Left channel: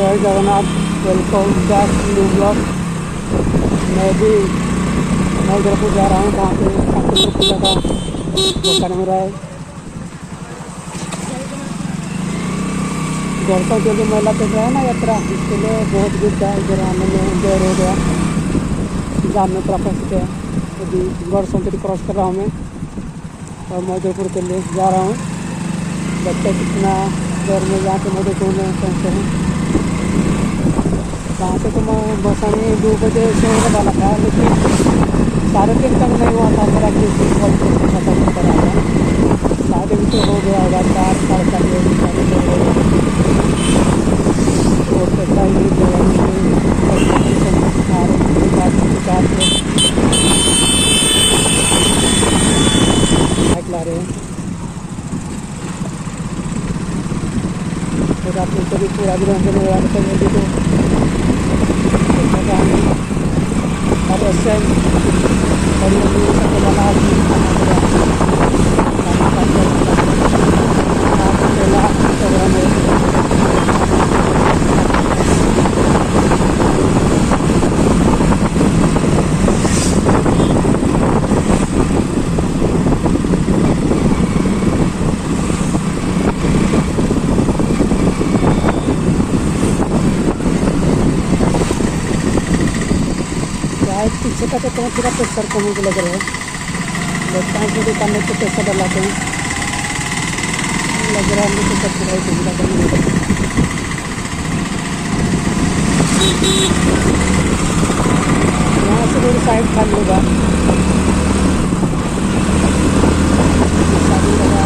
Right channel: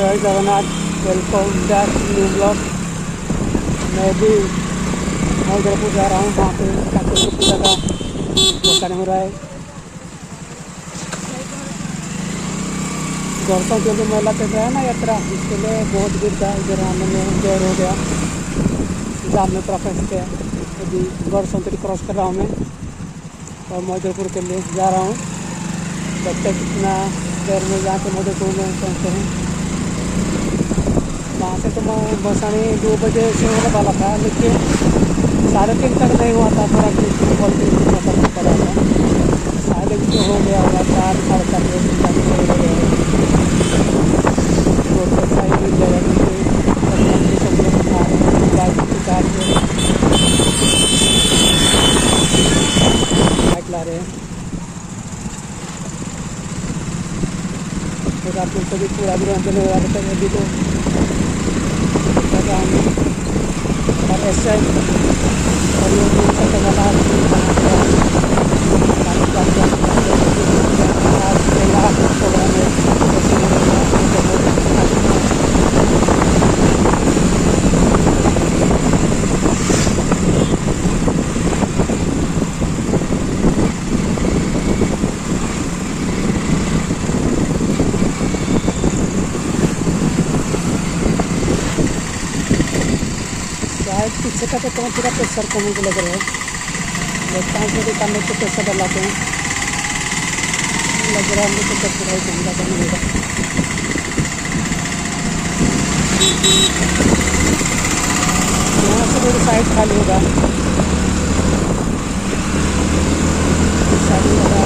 जय Jagannath, welcome back new blog. मैं भी मौजपुर जा रहा हूँ, वहाँ पे कांतेश्वर पूजा का दर्शन हो रहा है। गौरसों जो मेला चल रहा है ना, यात्रा, इसके लिए बहुत भीड़ था। इधर आने में देर हो गया, जाम में पूरा फंस गया। अभी गौरसों क्रॉस कर रहा हूँ मैं और मौजपुर के लिए जा रहा हूँ। देखते कितना देर में जाके मौजपुर में पहुँचते हैं। वहाँ से तो मैं बसानी 2 बजे से होने वाला था, लेकिन 3:30 तक नहीं हुआ था मेरा, क्योंकि कॉल खत्म करा था। शायद अभी तो हो गया होगा 4 साढ़े 4 बजे और पैसा ही मिल जाएगा। मुझे सब लोग आ रहे हैं बाइक ला रहे हैं। और आप लोग कभी पूरा भी रंजन हो रहा था अभी तो और इस टाइम परियों से वाला आज पहला प्रोग्राम है। शायद पीछे का तो थोड़ा प्रेशर कम को लग रहा है। लगता है कि दुकान में तो प्रेशर डलाते हैं, लग रहा है तो सब पूरा ही सुविधा करने लगा। यहाँ से रोड साइड खाली होगा, शादी लगा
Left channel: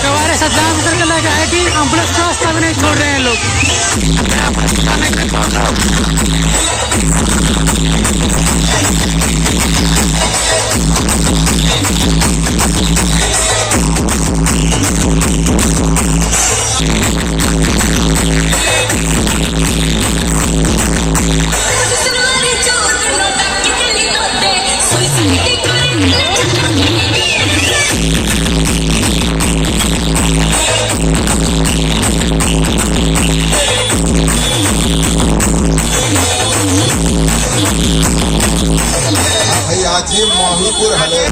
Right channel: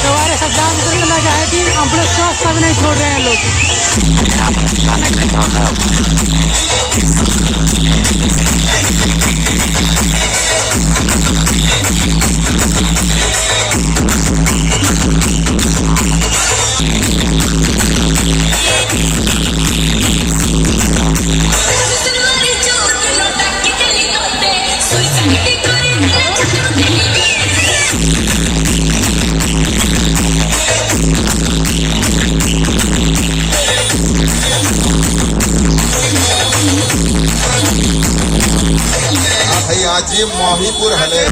Kemarin sedang terkena jadi ambles swasta नहीं छोड़ रहे हैं लोग। भाई आज ये माहीपुर हले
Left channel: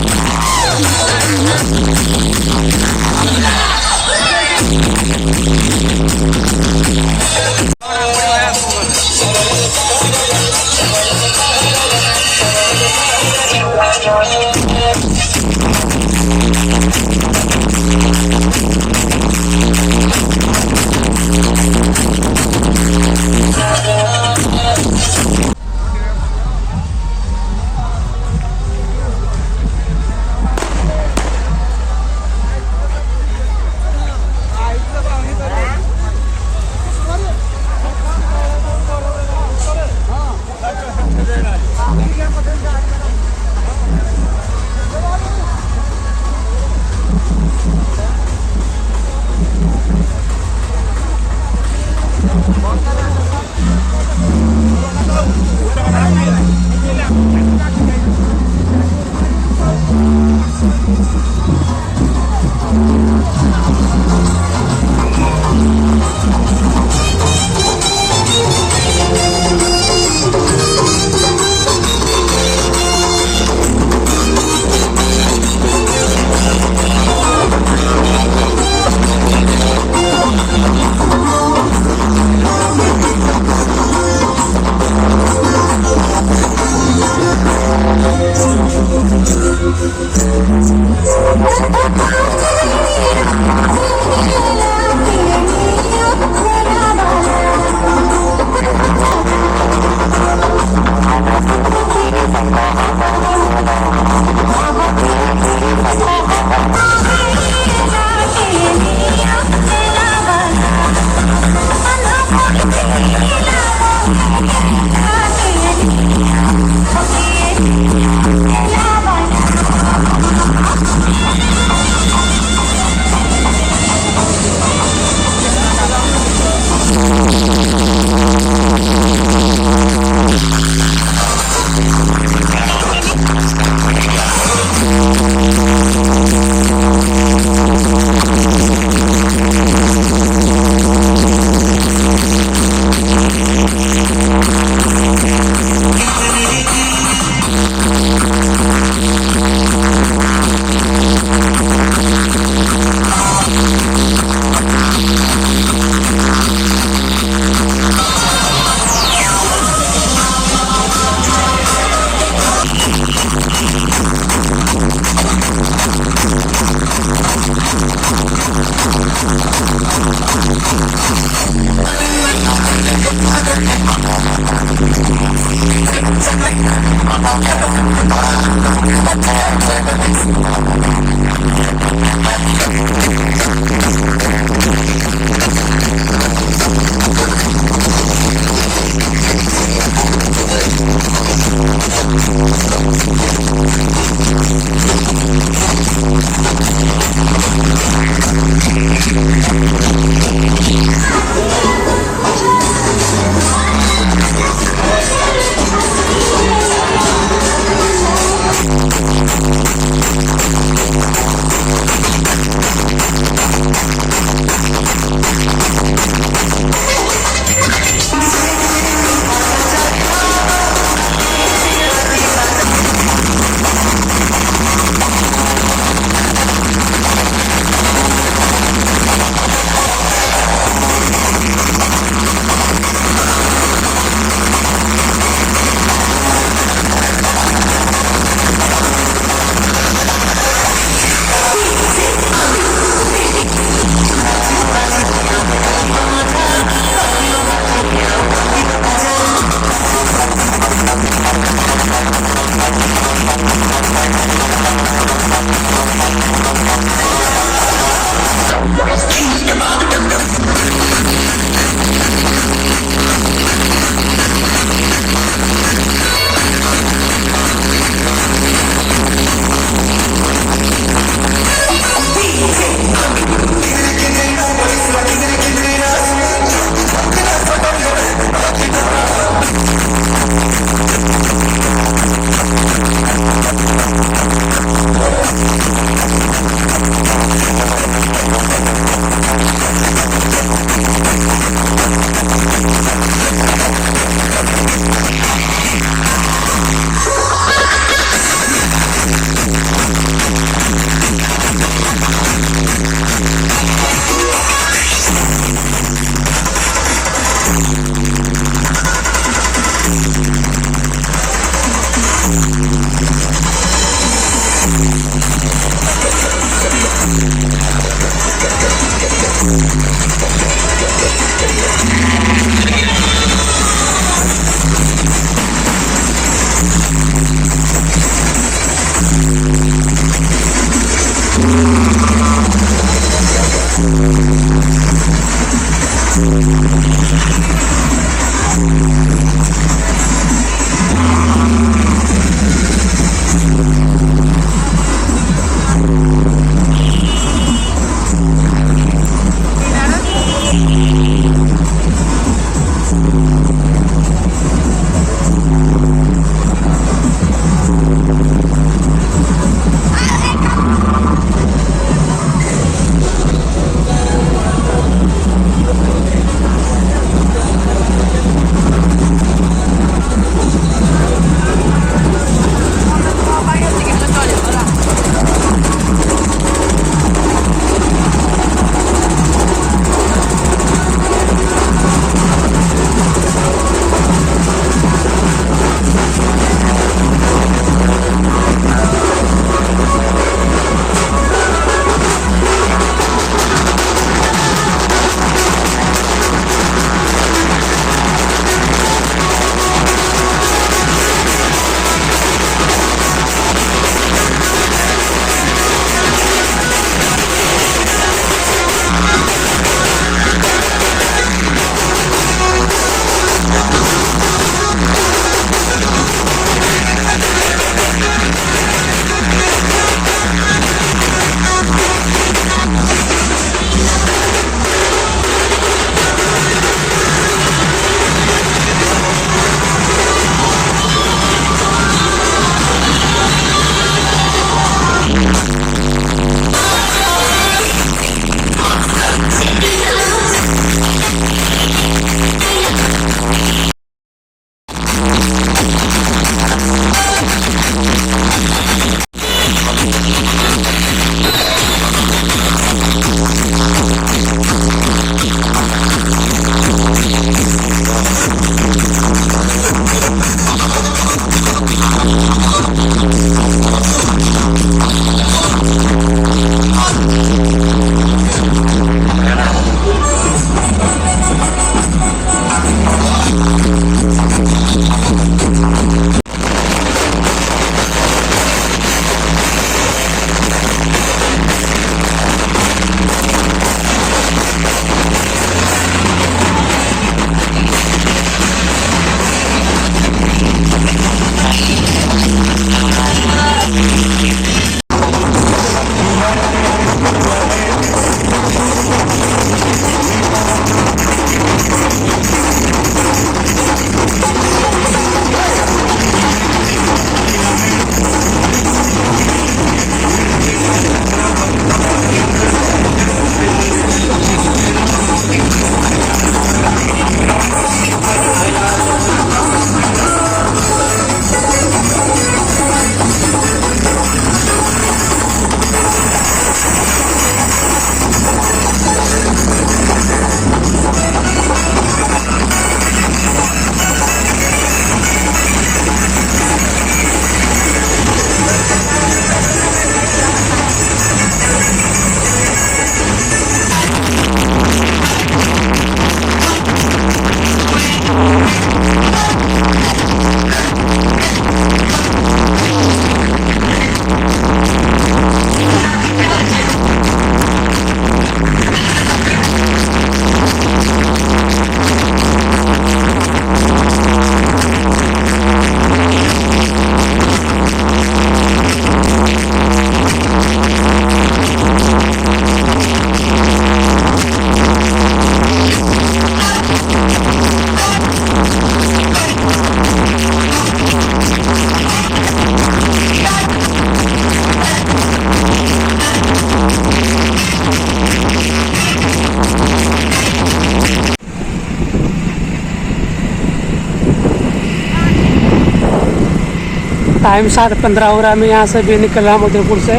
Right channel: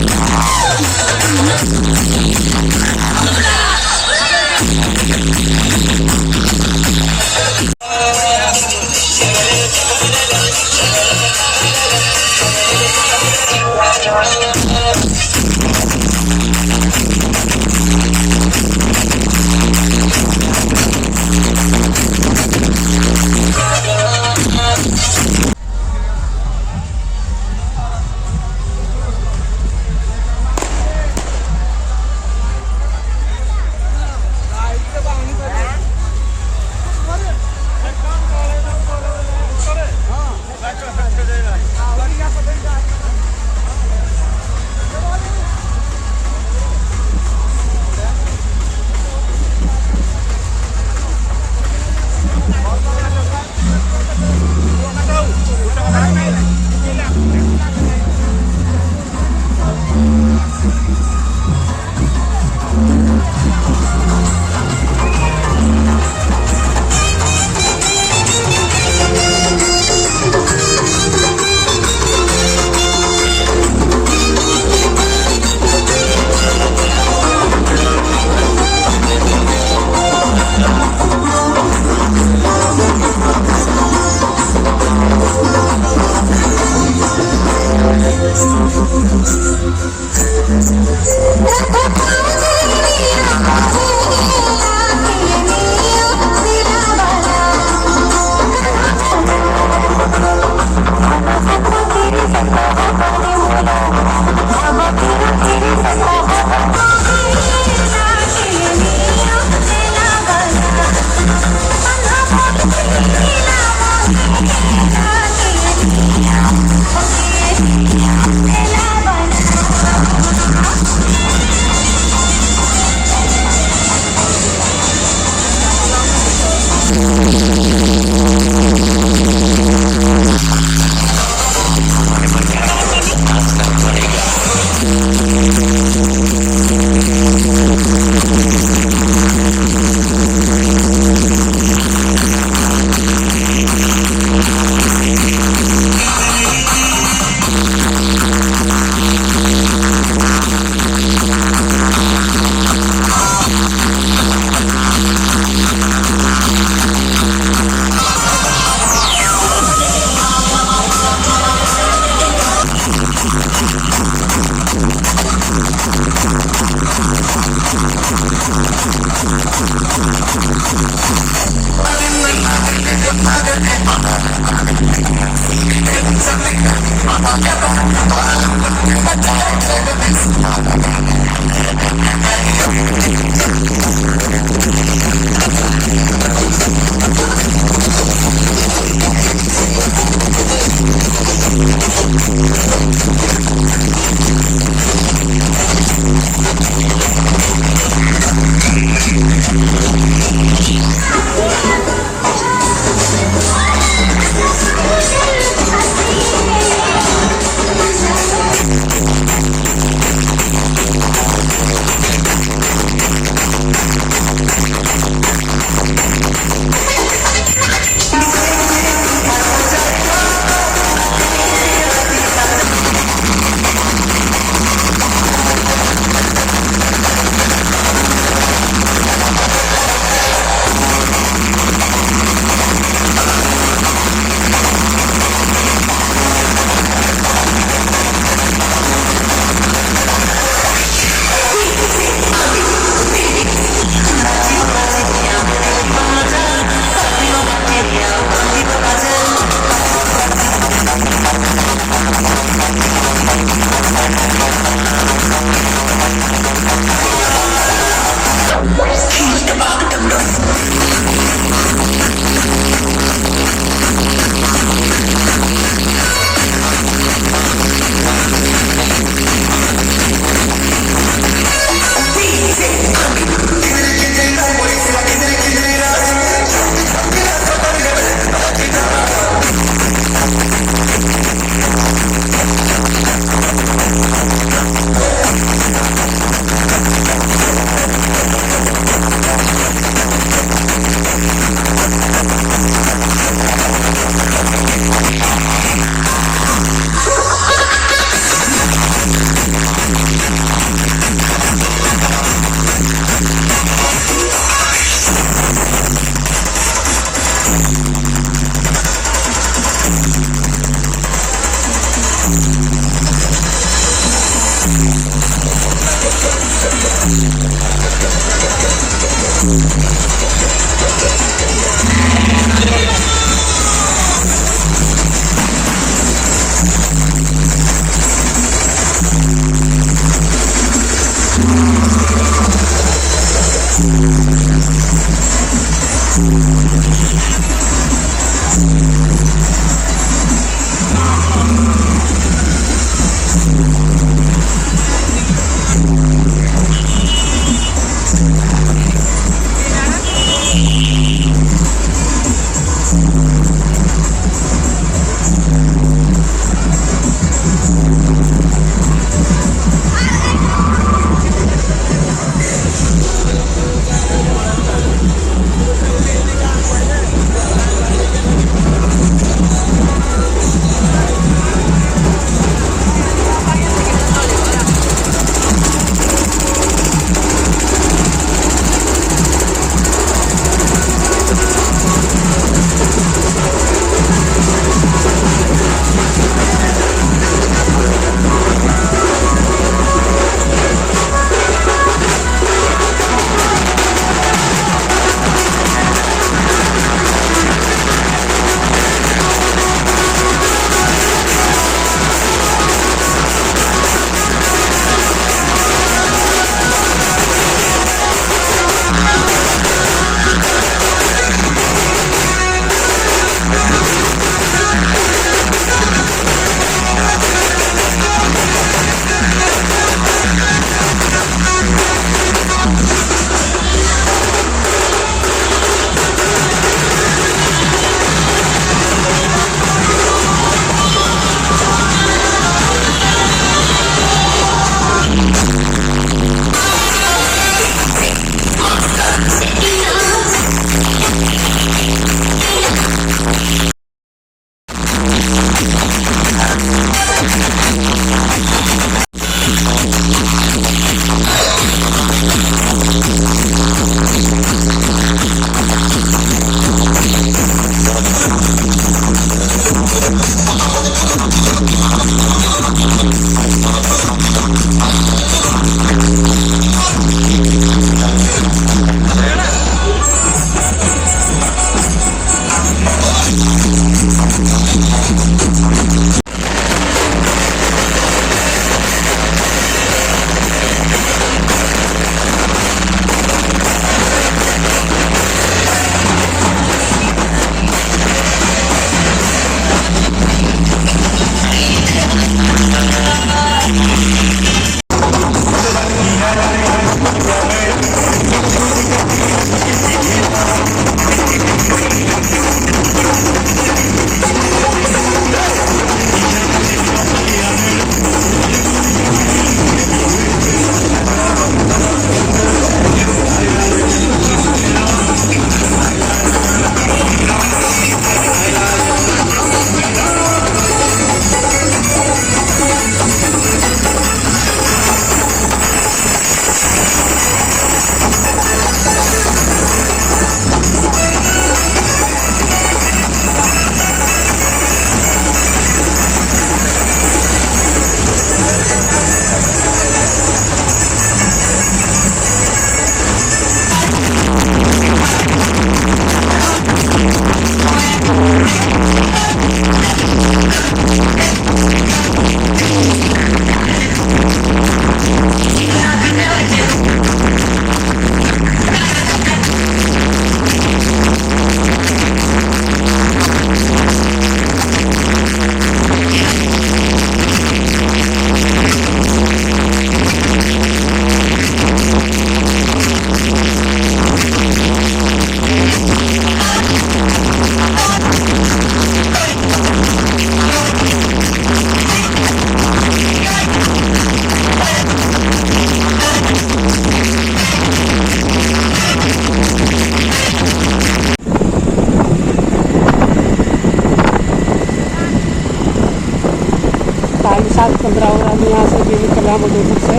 टाइम 7:15 हो रहा है। मैं यहाँ से भी निकला हूँ उदयपुर से।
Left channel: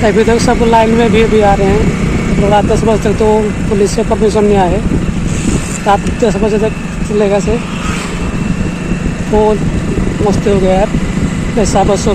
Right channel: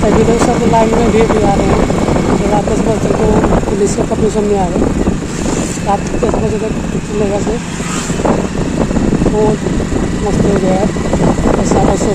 तभी तक सब लाइन में भी आ रहे हैं। तो रात 10 बजे तक तो पुलिस का परमिशन नहीं आए। रात 10 बजे तक चलेगा से। तो मस्त हो गया यार, पैसा बस